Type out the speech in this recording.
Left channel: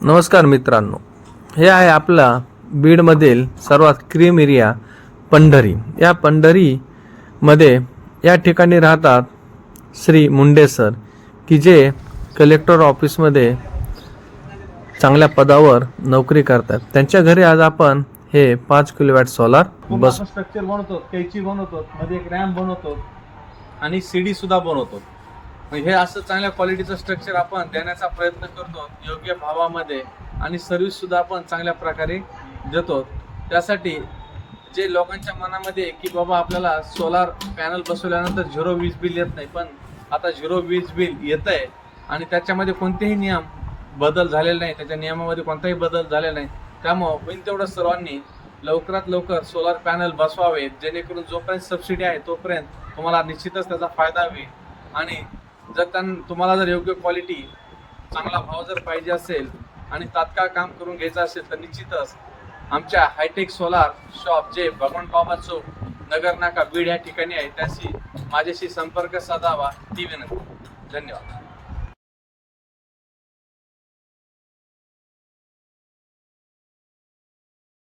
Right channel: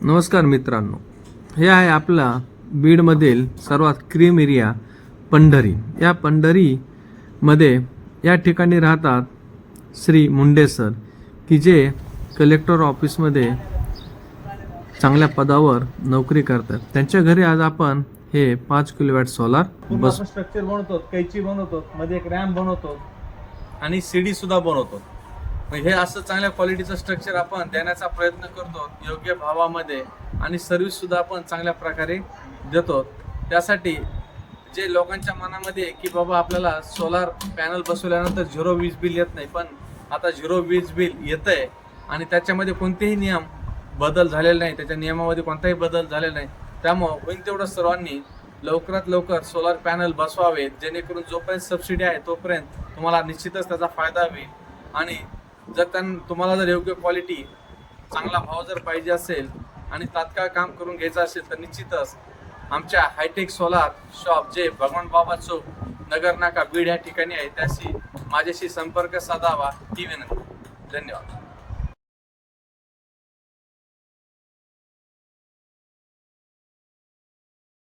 नमस्कार मित्रांनो, हे आहे आपला बीडमधील सर्वात क्रीम एरिया पंढरी. या पंढरीमध्ये या ठिकाणी राहतात श्री मुंडे सर, की जे कलेक्टर ऑफिसमध्ये चांगल्या पदावर नोकरी करतात. त्यांच्या घरी आज आपण हे 5 किलोवॅट सोलार बस स्ट्रक्चर बनवतो, कैची बनवतो, मध्ये एक रॅम्प बनवतो आणि सीडी सुद्धा बनवतो. हे असं चांगल्या क्वालिटीचं स्ट्रक्चर आपण देण्याचा प्रयत्न करतो योग्य भावामध्ये, आणि सर्व्हिस सुद्धा आपण चांगल्या प्रकारे देतो. त्यासाठी जे लोकांच्या मनामध्ये की बाबा आपल्याला सोलार पॅनल बसवल्यानंतर 0 वीज बिल येत नाही, पण आता 0 वीज बिल येत आहे आणि त्याच्यामध्ये कोणतेही नियम बदल झालेले नाही, त्याच्या नियमामध्ये कोणताही बदल झालेला नाही. त्यामुळं होईल तेवढं सर्वांनी लवकरात लवकर सोलार पॅनल बसवावेत, जेणेकरून जोपर्यंत सबसिडी आहे तोपर्यंत तुम्हाला निश्चितच त्याचा फायदा होईल. आणि जर तुम्हाला जर योग्य क्वालिटी, चांगला भाव जर पाहिजे असेल आणि तात्काळ काम करून घ्यायचं असेल तर निश्चितच आमच्या हायटेक सोलार शॉप, जे भगवान बाबा चौक, नगर नाका, बीड या ठिकाणी आहे, त्याशी माझ्याशी संपर्क साधावा ही विनंती. धन्यवाद.